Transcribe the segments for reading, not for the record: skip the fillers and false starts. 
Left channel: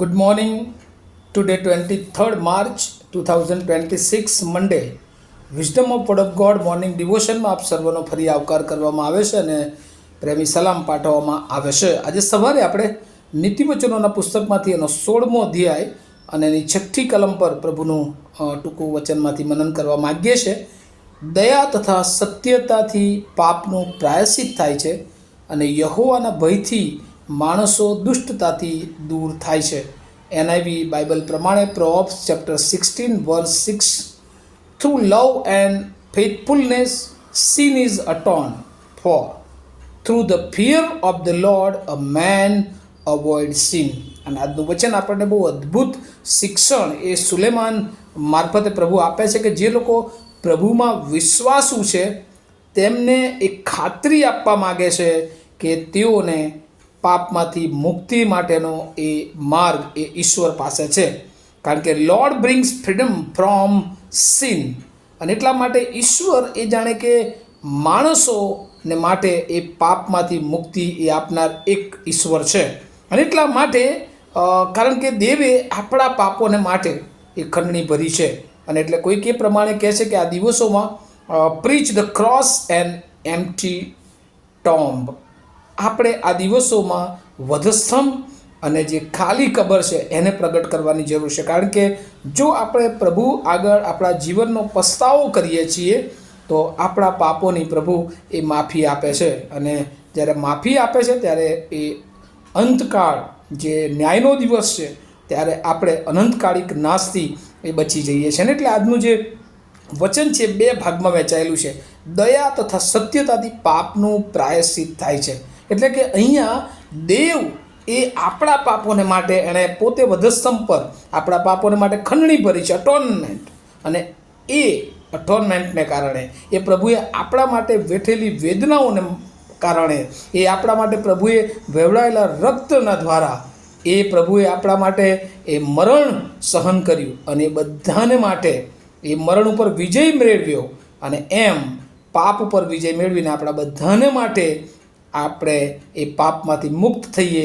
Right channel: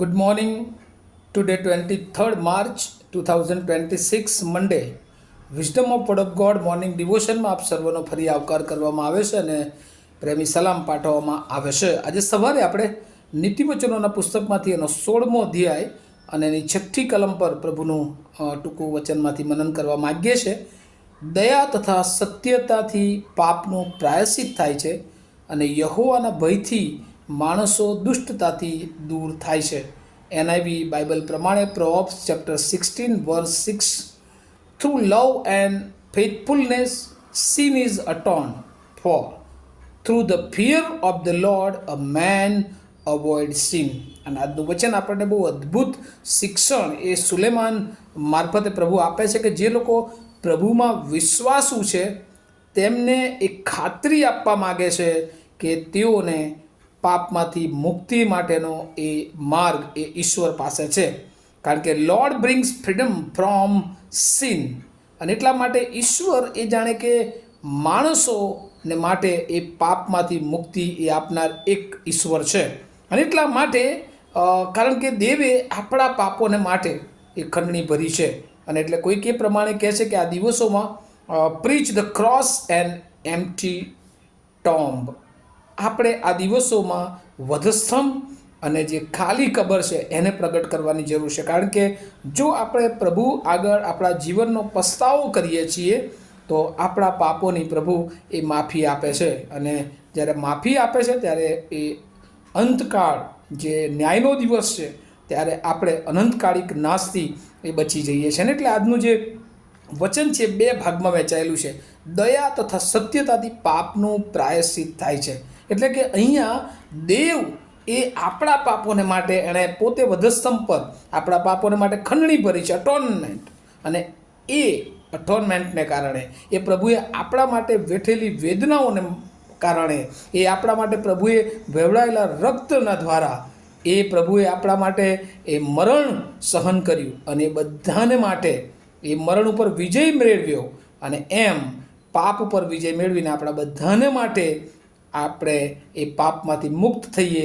Good morning. Today 23rd March 2026 Monday. Wisdom of word of God morning ડિવોશનમાં આપ સર્વનો ફરી આવકાર કરવામાં આવે છે અને પ્રેમી સલામ પાઠવવામાં આવે છે. આજે સવારે આપણે નીતિવચનોના પુસ્તકમાંથી એનો 16મો અધ્યાય અને એની 6ઠી કલમ પર પ્રભુનું ટૂંકું વચનમાંથી મનન કરવા માગીએ છીએ. દયા તથા સત્યતાથી પાપનું પ્રાયશ્ચિત થાય છે અને યહોવાના ભયથી માણસો દુષ્ટતાથી દૂર થાય છે. એનઆઈવી બાઇબલ પ્રમાણે પ્રોવેર્બ્સ chapter 16 વર્સ 6, through love and faithfulness sin is atoned for, through the fear of the Lord a man avoids sin. અને આજનું વચન આપણને બહુ અદ્ભુત શિક્ષણ એ સુલેમાન મારફતે પ્રભુ આપે છે કે જે લોકો પ્રભુમાં વિશ્વાસુ છે તેમને એક ખાતરી આપવા માગે છે કે તેઓને પાપમાંથી મુક્તિ માટેનો એ માર્ગ એ ઈશ્વર પાસે છે. કારણ કે Lord brings freedom from sin. અને એટલા માટે ઈશ્વર એ જાણે કે માણસોને માટે એ પાપમાંથી મુક્તિ એ આપનાર એક ઈશ્વર છે. અને એટલા માટે કારણ કે દેવે આપણા પાપોને માટે એ ખંડણી ભરી છે. અને એટલે કોઈક એ પ્રમાણે કહે છે કે આ દિવસોમાં પ્રીચ the cross and empty tomb. આપણે આ દિવસોમાં વધસ્તંભ અને જે ખાલી કબર છે એને પ્રગટ કરવાની જરૂર છે. કારણ કે જો આપણે પ્રભુ આગળ આપણા જીવનનો પસ્તાવો કરીએ છીએ તો આપણા પાપોની પ્રભુ એ માફી આપે છે. અને જ્યારે માફી આપે છે ત્યારે એ અંતકાળ જે ન્યાયનો દિવસ છે ત્યારે આપણે અનંતકાળિક નાશથી એ બચી જઈએ છીએ. અને એટલે આજનું જે વચન છે બે ભાગમાં વહેંચાયેલું છે. દયા તથા સત્યતાથી પાપનું પ્રાયશ્ચિત થાય છે. એટલે કે અહીંયા દેવ એ આપણા પાપોને માટે એણે પોતે વધસ્તંભ પર આપણા પાપોને માટે ખંડણી ભરી છે, અટોનમેન્ટ. અને એ અટોનમેન્ટને કારણે એ પ્રભુએ આપણા માટે વેઠેલી વેદનાઓને કારણે એ આપણા માટે પ્રભુએ વહેવડાયેલા રક્તના દ્વારા એ પ્રભુએ આપણા માટે એ મરણ સહન કર્યું અને એ બધાને માટે એ મરણ ઉપર વિજય મેળવ્યો. અને એમ પાપ ઉપર વિજય મેળવીને આપણા બધાને માટે આપણે એ પાપમાંથી મુક્ત થઈએ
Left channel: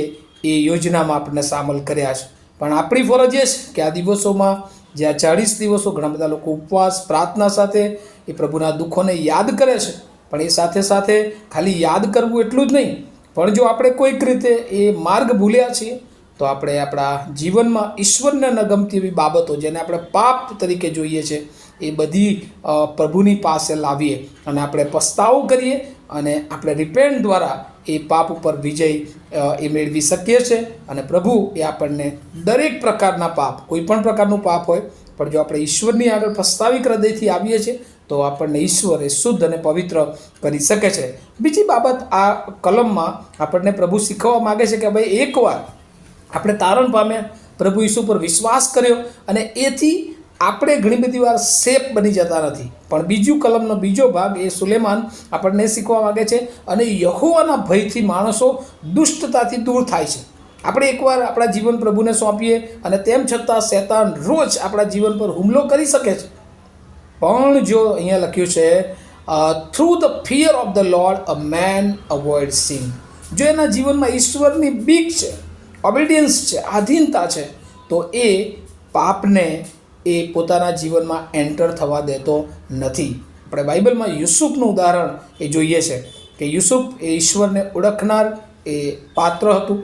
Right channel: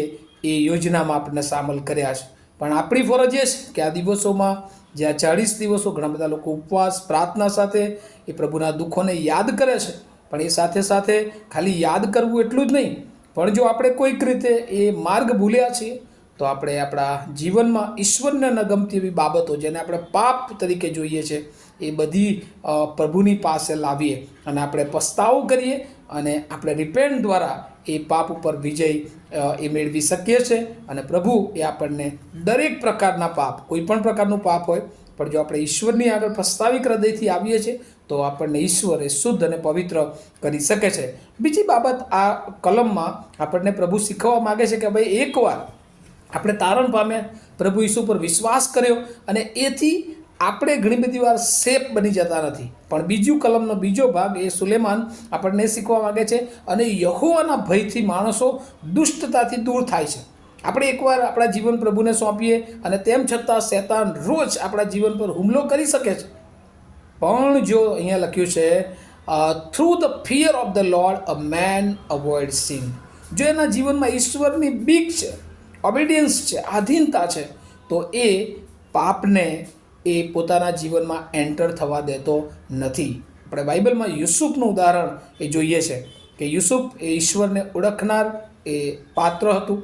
એ યોજનામાં આપણને સામેલ કર્યા છે. પણ આપણી ફરજ એ છે કે આ દિવસોમાં જે આ 40 દિવસો ઘણા બધા લોકો ઉપવાસ પ્રાર્થના સાથે એ પ્રભુના દુઃખોને યાદ કરે છે. પણ એ સાથે સાથે ખાલી યાદ કરવું એટલું જ નહીં, પણ જો આપણે કોઈક રીતે એ માર્ગ ભૂલ્યા છીએ તો આપણે આપણા જીવનમાં ઈશ્વરને ન ગમતી એવી બાબતો જેને આપણે પાપ તરીકે જોઈએ છે એ બધી પ્રભુની પાસે લાવીએ અને આપણે પસ્તાવો કરીએ અને આપણે રિપેન્ટ દ્વારા એ પાપ ઉપર વિજય એ મેળવી શકીએ છીએ. અને પ્રભુ એ આપણને દરેક પ્રકારના પાપ, કોઈ પણ પ્રકારનું પાપ હોય, પણ જો આપણે ઈશ્વરની આગળ પસ્તાવિક હૃદયથી આવીએ છીએ તો આપણને ઈશ્વર એ શુદ્ધ અને પવિત્ર કરી શકે છે. બીજી બાબત આ કલમમાં આપણને પ્રભુ શીખવવા માગે છે કે ભાઈ એકવાર આપણે તારણ પામ્યા, પ્રભુ ઈસુ પર વિશ્વાસ કર્યો અને એથી આપણે ઘણી બધી વાર સેફ બની જતા નથી. પણ બીજું કલમનો બીજો ભાગ એ સુલેમાન આપણને શીખવા માગે છે અને યહોવાના ભયથી માણસો દુષ્ટતાથી દૂર થાય છે. આપણે એકવાર આપણા જીવન પ્રભુને સોંપીએ અને તેમ છતાં શૈતાન રોજ આપણા જીવન પર હુમલો કરી શકે છે. પણ જો અહીંયા લખ્યું છે through the fear of the Lord a man avoid sin. જો એના જીવનમાં ઈશ્વરની બીક છે, ઓબિડિયન્સ છે, આધીનતા છે, તો એ પાપને એ પોતાના જીવનમાં એન્ટર થવા દેતો નથી. આપણે બાઇબલમાં યુસુફનું ઉદાહરણ એ જોઈએ છે કે યુસુફ એ ઈશ્વરને ઓળખનાર એ પાત્ર હતું.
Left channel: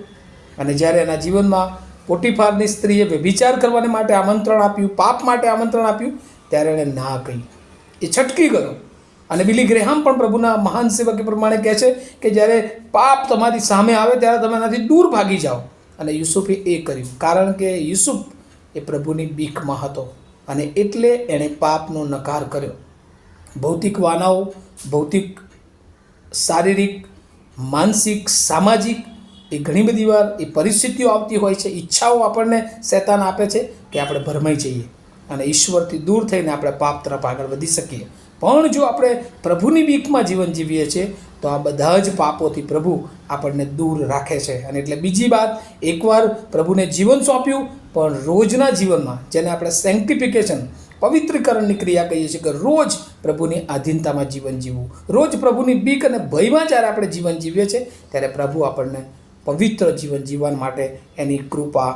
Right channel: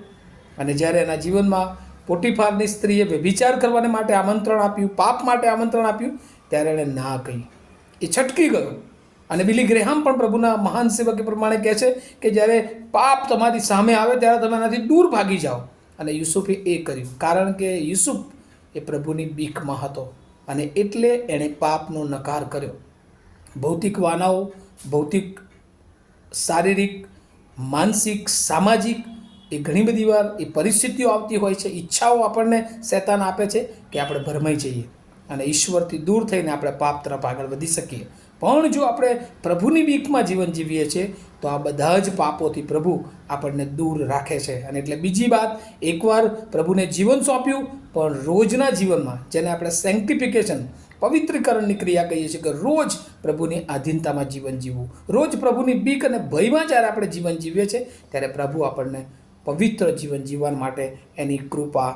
અને જ્યારે એના જીવનમાં પોટીફારની સ્ત્રીએ વ્યભિચાર કરવાને માટે આમંત્રણ આપ્યું, પાપ માટે આમંત્રણ આપ્યું, ત્યારે એણે ના કહી, એ છટકી ગયો. અને બિલી ગ્રેહામ પણ પ્રભુના મહાન સેવક પ્રમાણે કહે છે કે જ્યારે પાપ તમારી સામે આવે ત્યારે તમે એનાથી દૂર ભાગી જાઓ. અને યુસુફે એ કર્યું કારણ કે યુસુફ એ પ્રભુની બીકમાં હતો અને એટલે એણે પાપનો નકાર કર્યો. ભૌતિક વાનાઓ, ભૌતિક, શારીરિક, માનસિક, સામાજિક એ ઘણી બધી વાર એ પરિસ્થિતિઓ આવતી હોય છે, ઈચ્છાઓ આપણને શૈતાન આપે છે કે આપણે ભરમાઈ જઈએ અને ઈશ્વરથી દૂર થઈને આપણે પાપ તરફ આગળ વધી શકીએ. પણ જો આપણે પ્રભુની બીકમાં જીવન જીવીએ છીએ તો આ બધા જ પાપોથી પ્રભુ આપણને દૂર રાખે છે. અને એટલે બીજી વાત, એકવાર પ્રભુને જીવન સોંપ્યું, પણ રોજના જીવનમાં જેને આપણે સેન્ટિફિકેશન, પવિત્રીકરણની ક્રિયા કહીએ છીએ કે રોજ પ્રભુની આધીનતામાં જીવન જીવવું, રોજ પ્રભુની બીક અને ભયમાં જ્યારે આપણે જીવન જીવીએ છીએ ત્યારે પ્રભુ આપણને પવિત્ર જીવન જીવવા માટે એની કૃપા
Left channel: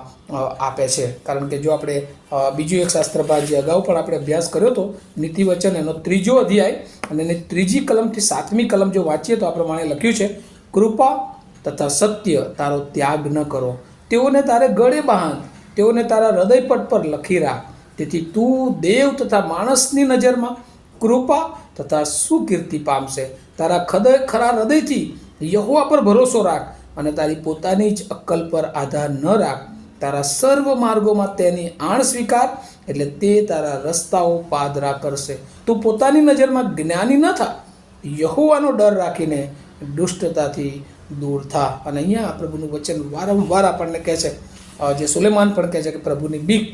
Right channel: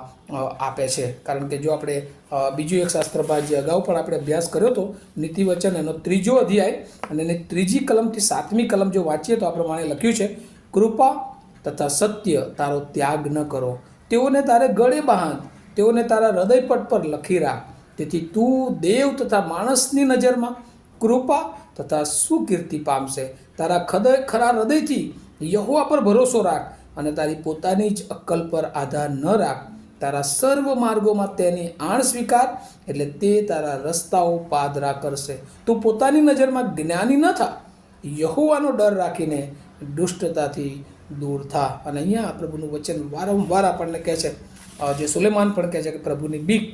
આપે છે. કારણ કે જો આપણે બીજું એક શાસ્ત્રભાગ જે અગાઉ પણ આપણે અભ્યાસ કર્યો હતો, નીતિવચન એનો 3 અધ્યાય અને એની 3જી કલમથી 7મી કલમ જો વાંચીએ તો આ પ્રમાણે લખ્યું છે, કૃપા તથા સત્ય તારો ત્યાગ ન કરો, તેઓને તારે ગળે બાંધ, તેઓને તારા હૃદયપટ પર લખી રાખ, તેથી તું દેવ તથા માણસની નજરમાં કૃપા તથા સુકીર્તિ પામશે. તારા ખરા હૃદયથી યહોવા પર ભરોસો રાખ અને તારી પોતાની જ અક્કલ પર આધાર ન રાખ. તારા સર્વ માર્ગોમાં તેની આણ સ્વીકાર, એટલે તે તારા રસ્તાઓ પાદરા કરશે. તું પોતાની નજરમાં જ્ઞાની ન થા, યહોવાનો ડર રાખીને દુષ્ટતાથી દૂર થા. અને અહીંયા પ્રભુનું વચન વારંવાર આપણને કહે છે, જે સુલેમાન પણ કહે છે કે પ્રભુની બીક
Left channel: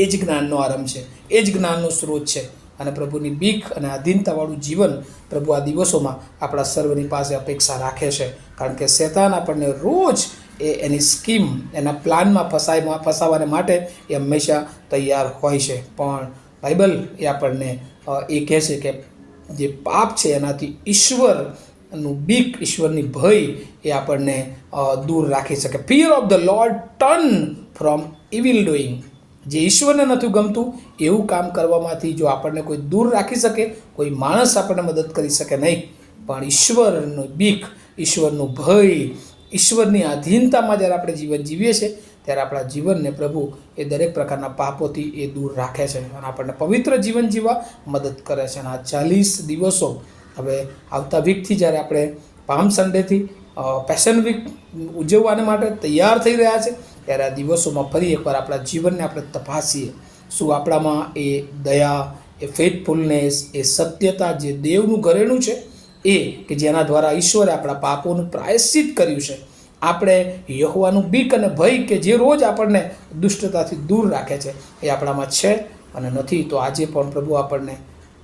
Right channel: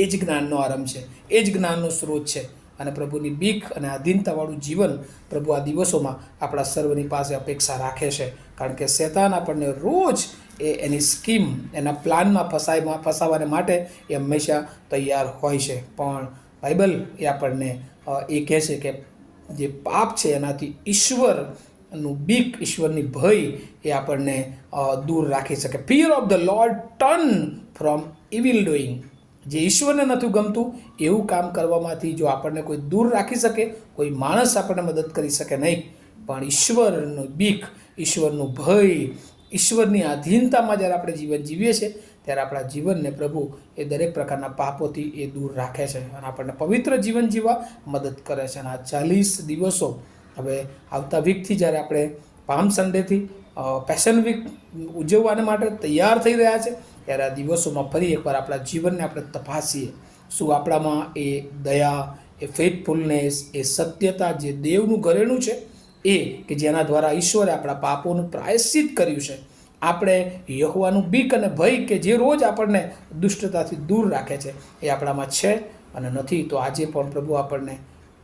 એ જ જ્ઞાનનો આરંભ છે, એ જ જ્ઞાનનો સ્ત્રોત છે. અને પ્રભુની બીક અને આધીનતાવાળું જીવન પ્રભુ આ દિવસોમાં આપણા સર્વની પાસે અપેક્ષા રાખે છે. કારણ કે શેતાન આપણને રોજ એની સ્કીમ, એના પ્લાનમાં ફસાવાને માટે એ હંમેશા તૈયાર હોય છે. પણ બાઇબલ એ આપણને એ કહે છે કે જે પાપ છે એનાથી ઈશ્વરનું બીક, ઈશ્વરની ભય એ આપણને દૂર રાખી શકે. Fear of the lord turn from evil doing. જે ઈશ્વરને નથી ગમતું એવું કામ કરવામાંથી જો આપણને કોઈ દૂર રાખી શકે, કોઈ માણસ આપણને મદદ કરી શકે નહીં, પણ ઈશ્વરનું બીક, ઈશ્વરનું ભય, ઈશ્વરની આધીનતામાં જ્યારે આપણે જીવન જીવીએ છીએ ત્યારે આપણા જીવનને પ્રભુ એ દરેક પ્રકારના પાપોથી એ દૂર રાખે છે અને આપણને પવિત્ર જીવન જીવવા મદદ કરે છે. અને આ 40 દિવસો હવે આવતા વીકથી જ્યારે આપણે પામ સન્ડેથી પેશન વીક ઉજવવાને માટે તૈયાર થઈ રહ્યા છે, ત્યારે આ દિવસોમાં ફરી એકવાર આપણા જીવનને આપણે તપાસીએ. શું આપણામાં એ દયા, એ ફેથફુલનેસ, એ સત્યતા, જે દેવનું ઘરેણું છે એ કે જેના દ્વારા ઈશ્વરે આપણા પાપોનું પ્રાયશ્ચિત કર્યું છે, આપણે યહોવાનું બીક અને ભય કે જે રોજ આપણને દુષ્ટતાથી દૂર રાખે છે એ આપણામાં છે અને નથી, તો આજે પણ પ્રભુ આપણને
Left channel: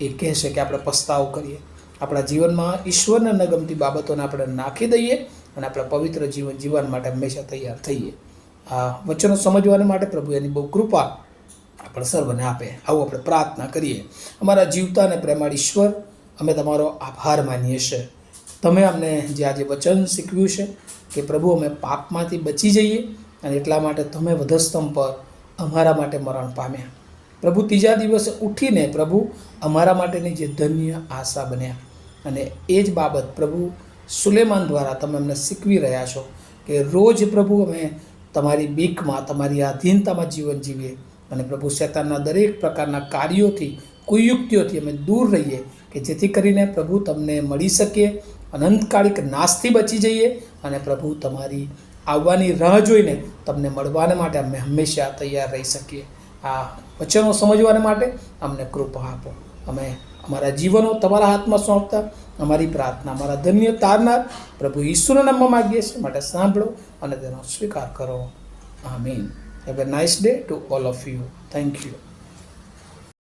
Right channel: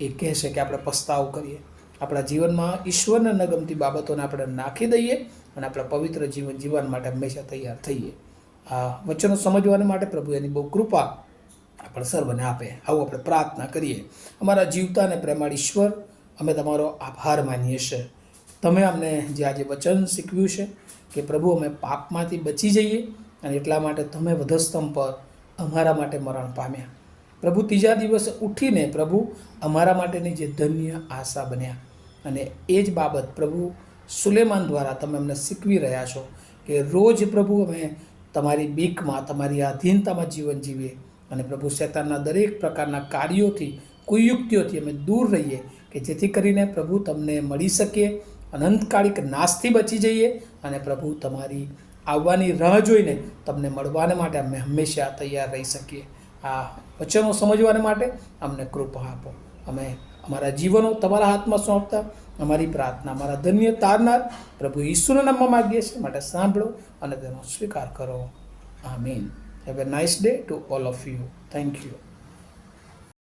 એ કહેશે કે આપણે પસ્તાવો કરીએ, આપણા જીવનમાં ઈશ્વરને ન ગમતી બાબતોને આપણે નાખી દઈએ અને આપણે પવિત્ર જીવન જીવવા માટે હંમેશા તૈયાર થઈએ. આ વચનો સમજવાને માટે પ્રભુ એની બહુ કૃપા આપણે સર્વને આપે. આવું આપણે પ્રાર્થના કરીએ. અમારા જીવતા અને પ્રેમાળ ઈશ્વર, અમે તમારો આભાર માનીએ છીએ. તમે અમને જે આજે વચન શીખવ્યું છે કે પ્રભુ અમે પાપમાંથી બચી જઈએ અને એટલા માટે તમે વધસ્તંભ પર અમારા માટે મરણ પામ્યા. પ્રભુ ત્રીજા દિવસે ઉઠીને પ્રભુ અમારા માટેની જે ધન્ય આશા બન્યા. અને એ જ બાબત પ્રભુ સુલેમાન દ્વારા તમે અમને શીખવી રહ્યા છો કે રોજ પ્રભુ અમે તમારી બીકમાં, તમારી આધીનતામાં જીવન જીવીએ અને પ્રભુ શેતાનના દરેક પ્રકારના કાર્યોથી, કુયુક્તિઓથી અમે દૂર રહીએ કે જેથી કરીને પ્રભુ તમને મળી શકીએ, અનંતકાળિક નાશથી બચી જઈએ અને પ્રભુ તમારી આવવાની રાહ જોઈને તમને મળવાને માટે અમે હંમેશા તૈયાર રહી શકીએ. આ વચનો સમજવાને માટે અમને કૃપા આપો. અમે અમારા જીવનો તમારા હાથમાં સોંપતા અમારી પ્રાર્થના અમારા ધન્ય તારનાર પ્રભુ ઈસુના નામમાં માગીએ છીએ, માટે સાંભળો અને તેનો સ્વીકાર કરો. Amen. Have a nice day to all of you. Thank you.